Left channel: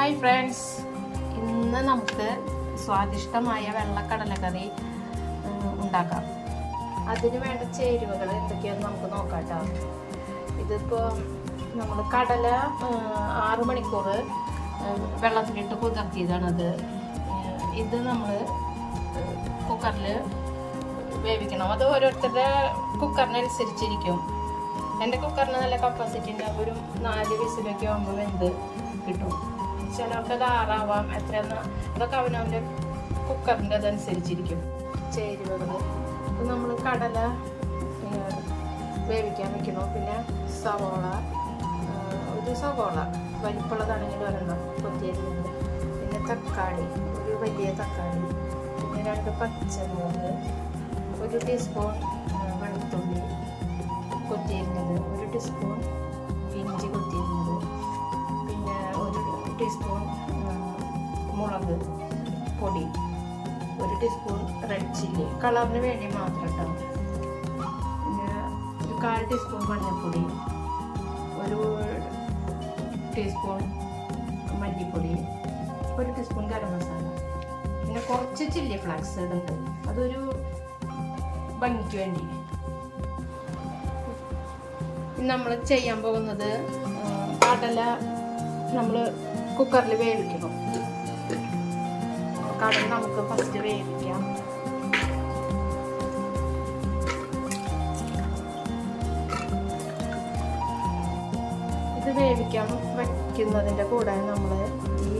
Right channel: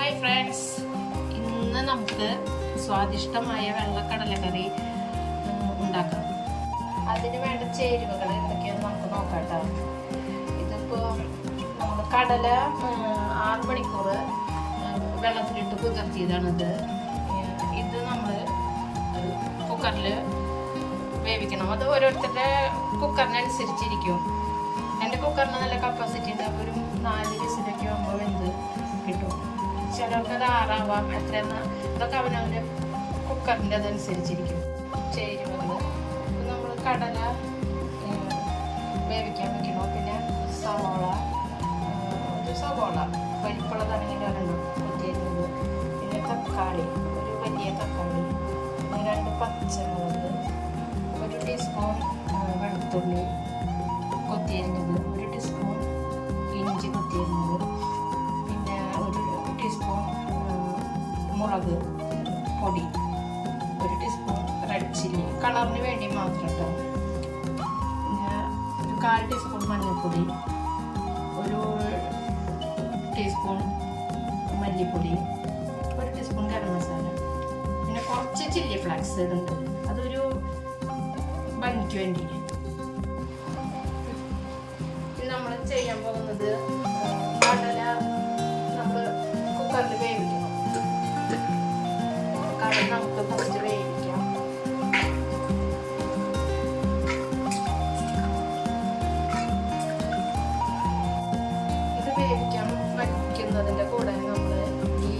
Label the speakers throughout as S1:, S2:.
S1: Hi friends ഇന്ന് നമുക്ക് സ്വാദിഷ്ടമായ വെള്ളക്കടലക്കറി കറി ഉണ്ടാക്കാം. അതിന് വേണ്ട ചേരുവകൾ എന്തൊക്കെയാണെന്ന് നമുക്ക് നോക്കാം ഇതിപ്പോൾ നമ്മൾ കടല ആറു മണിക്കൂർ വെള്ളത്തിലിട്ട് കുതിർത്തിയതാണിത്. ഇത് നമ്മൾ കുക്കറിൽ വേവിക്കണം. അത് ഓരോരുത്തരുടെ കുക്കറിനനുസരിച്ചിരിക്കും. എന്റെ കുക്കറിന് നല്ല കപ്പാസിറ്റി ഉണ്ട്. ഒരു നാല് വിസിലൊക്കെ ആകുമ്പോൾ വെന്ത് കിട്ടും. ചിലർക്ക് അത് ആറാവാം എത്രയെന്ന് അതൊക്കെ അവനവന്റെ കുക്കറിന്റെ അതനുസരിച്ചിരിക്കും ചേരുവകൾ അപ്പം നമ്മൾ കടല വേവിക്കാൻ വെക്കണം പിന്നെ സവോള ഒരു സവോള. വലിപ്പുള്ളതാണെങ്കിൽ ഒരെണ്ണം കൊത്തിയിരുന്നത് പിന്നെ തക്കാളി ഒരു വലിയ തക്കാളി. പിന്നെ രണ്ട് പച്ചമുളക് ഒരു ടീസ്പൂൺ വെളുത്തുള്ളി കൊത്തിയിരുന്നത് ഒരു ടീസ്പൂൺ ഇഞ്ചി ഒരു ടീസ്പൂൺ മുളക് പൊടി ഒരു ടീസ്പൂൺ റെഡ് ചില്ലി കളറിന് വേണ്ടി മാത്രം കേട്ടോ പിന്നെ കാൽ ടീസ്പൂൺ മഞ്ഞൾപ്പൊടി ഒരു ടീസ്പൂൺ മല്ലിപ്പൊടി ഒരു ടീസ്പൂൺ ഗരം മസാല. പിന്നെ കുറച്ച് ചില്ലി ഫ്ലാക്സ് ഇടുന്നുണ്ട്. അതൊരു ഭംഗിക്ക് വേണ്ടി. നമ്മൾ ചെയ്യാൻ പോകുന്നത് കടല കുക്കറിൽ വേവിക്കണം കടല നമുക്ക് കുറച്ച് വേവിക്കാം. ഇത് വേവിക്കാൻ വയ്ക്കുന്നതിന്റെ കൂടെ നമ്മൾ ഈ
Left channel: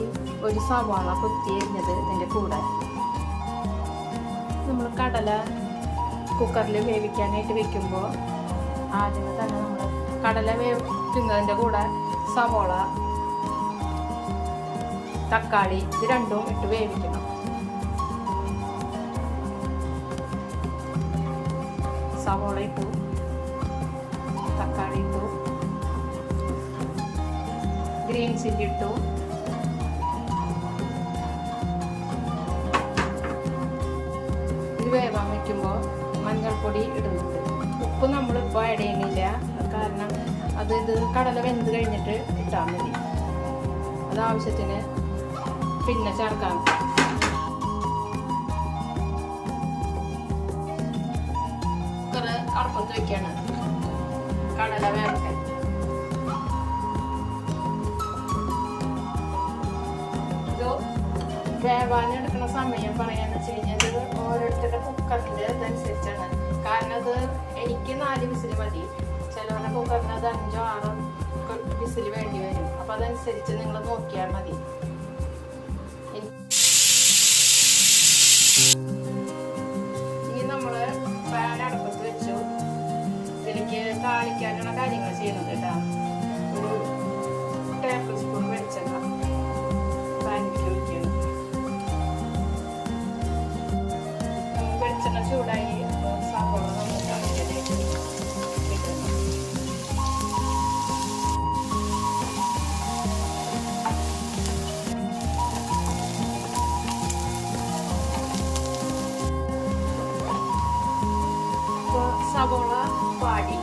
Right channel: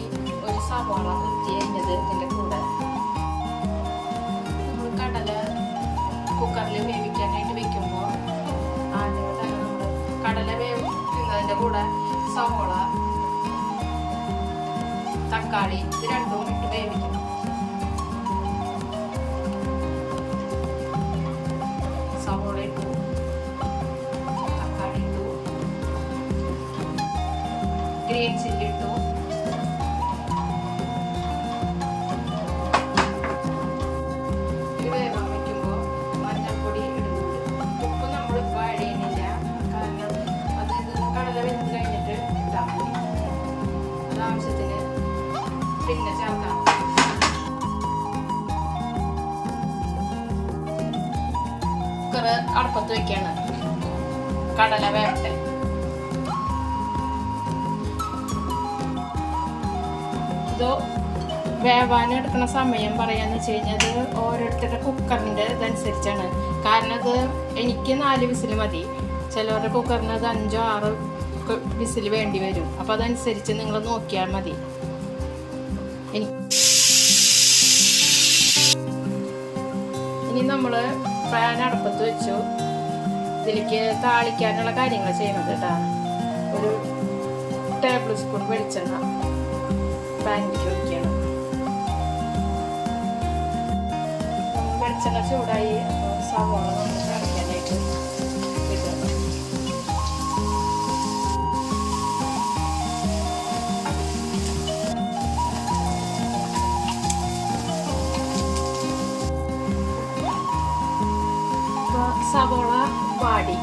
S1: ഒരു സവാള കുത്തി ഇതിന്റെ കൂടെ കടല കുക്കറിൽ വേവിക്കാനായിട്ട് വെക്കുമ്പോൾ ആദ്യം കടല വേവിക്കുന്നതിന്റെ കൂടെ സവോള തക്കാളി ഇത് രണ്ടും ഇട്ട് വേവിക്കണം. അടുപ്പത്ത് വെക്കാണ് കടല വേവട്ടെ ഇത് എടുക്കുന്ന സമയം പറയാന്ന് വെച്ച് കഴിഞ്ഞാൽ അത് ഓരോരുത്തരുടെ കുക്കറിന്റെ ഇതനുസരിച്ചാണ്. കാരണം അത് എനിക്ക് നാല് വിസിൽ മതി. ചിലവരുടെ കുക്കറിന് അത് അഞ്ചോ ആറോ വിസിൽ വേണ്ടി വരും. അപ്പോൾ അതനുസരിച്ച് നിങ്ങൾ നോക്കിയാൽ മതി. താളിക്കാനുള്ള കാര്യങ്ങൾ ചെയ്യണം കേട്ടോ. ഒരു ടേബിൾ സ്പൂൺ വെളിച്ചെണ്ണ. വെളിച്ചെണ്ണ ചൂടായി സവാള വാടി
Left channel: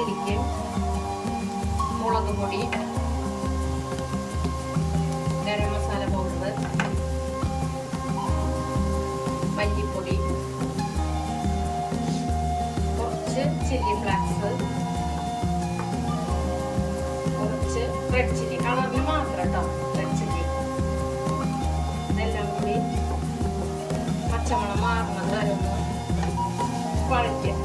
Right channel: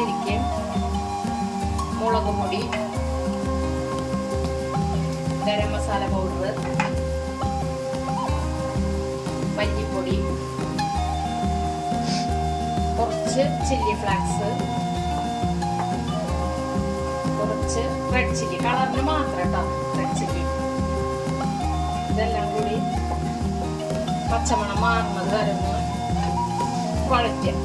S1: അതിലേക്ക് മുളക് പൊടി. ഗരം മസാല പൗഡർ. മല്ലിപ്പൊടി. കുറച്ച് ചില്ലി ഫ്ലാക്സ്. കുറച്ച് റെഡ് ചില്ലി കളറിന് മാത്രം കേട്ടോ റെഡ് ചില്ലി ഇതെല്ലാം കൂടി പച്ചമണം മാറുന്നത് വരെ. ഒന്ന് വഴറ്റുക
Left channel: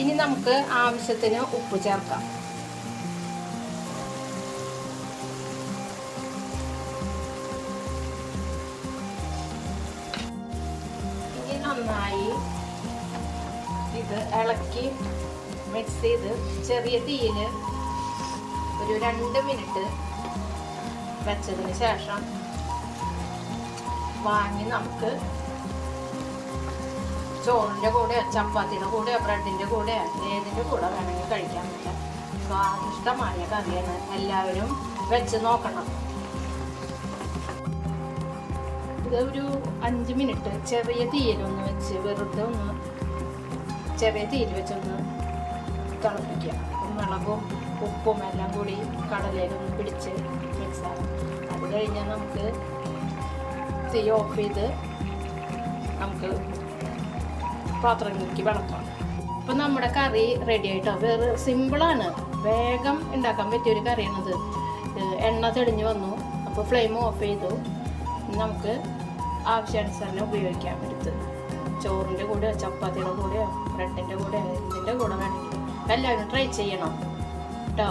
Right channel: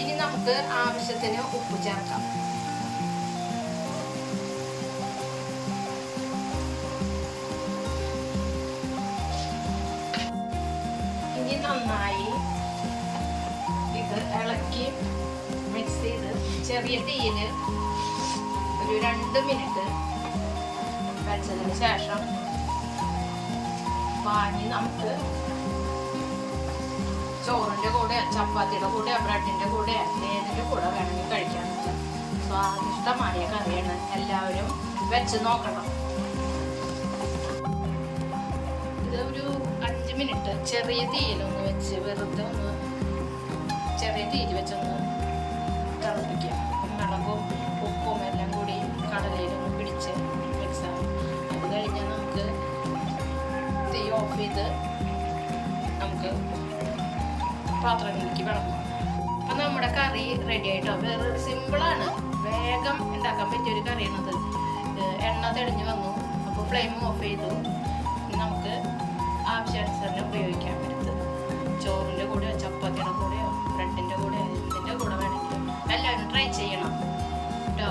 S1: ഇനി നമുക്ക് ആവശ്യത്തിന് ഉപ്പ് ചേർക്കാം. ഇനി നന്നായി ഇത് ഇളക്കി മിക്സ് ചെയ്ത് ചെറിയ തീയിൽ ഒരു രണ്ട് മിനിറ്റ് വെച്ചതിന് ശേഷം വാങ്ങി നമുക്ക് ചോറിന്റെ കൂടെ ചപ്പാത്തിയുടെ കൂടെ ബ്രെഡിന്റെ കൂടെ ഏതിന്റെ കൂടെ വേണമെങ്കിൽ കഴിക്കാൻ സ്വാദിഷ്ടമായ കറിയാണ്. എല്ലാവരും വെച്ച് നോക്കണം. ഇത് ഒരു അഞ്ച് മിനിറ്റ്. ചെറിയ തീയിലൊന്ന് വെച്ച് വെറുതെ ഒന്ന് ചെറിയ തീയിൽ വെച്ചൊന്ന് തിളപ്പിക്കുക. മുളകും ഉപ്പും എല്ലാം കൂടി കടലയിലൊന്ന് പിടിച്ച് മിക്സാണ് അത് കഴിഞ്ഞാൽ നമുക്ക് തീ ഓഫ് ചെയ്ത് പാത്രങ്ങളിലേക്ക് വിളക്കാം അപ്പം നമ്മുടെ കറി റെഡി ആയിട്ടോ? വേറെ സിമ്പിളാണ് വേഗം ഉണ്ടാക്കാൻ പറ്റിയ ഒരു കറിയാണത്. എണ്ണ തെളിഞ്ഞു വന്നു. അപ്പോൾ ഫ്ലെയിം ഓഫ് ചെയ്ത് നമുക്ക് ആവശ്യാനുസരണം ഉപയോഗിക്കാൻ എടുത്ത് ചോറിന്റെ കൂടെ ചപ്പാത്തിയുടെ കൂടെയോ ബ്രെഡിന്റെ കൂടെ എന്തിന്റെ കൂടെ വേണമെങ്കിലും. എല്ലാവരും ട്രൈ ചെയ്യണം. കേട്ടോ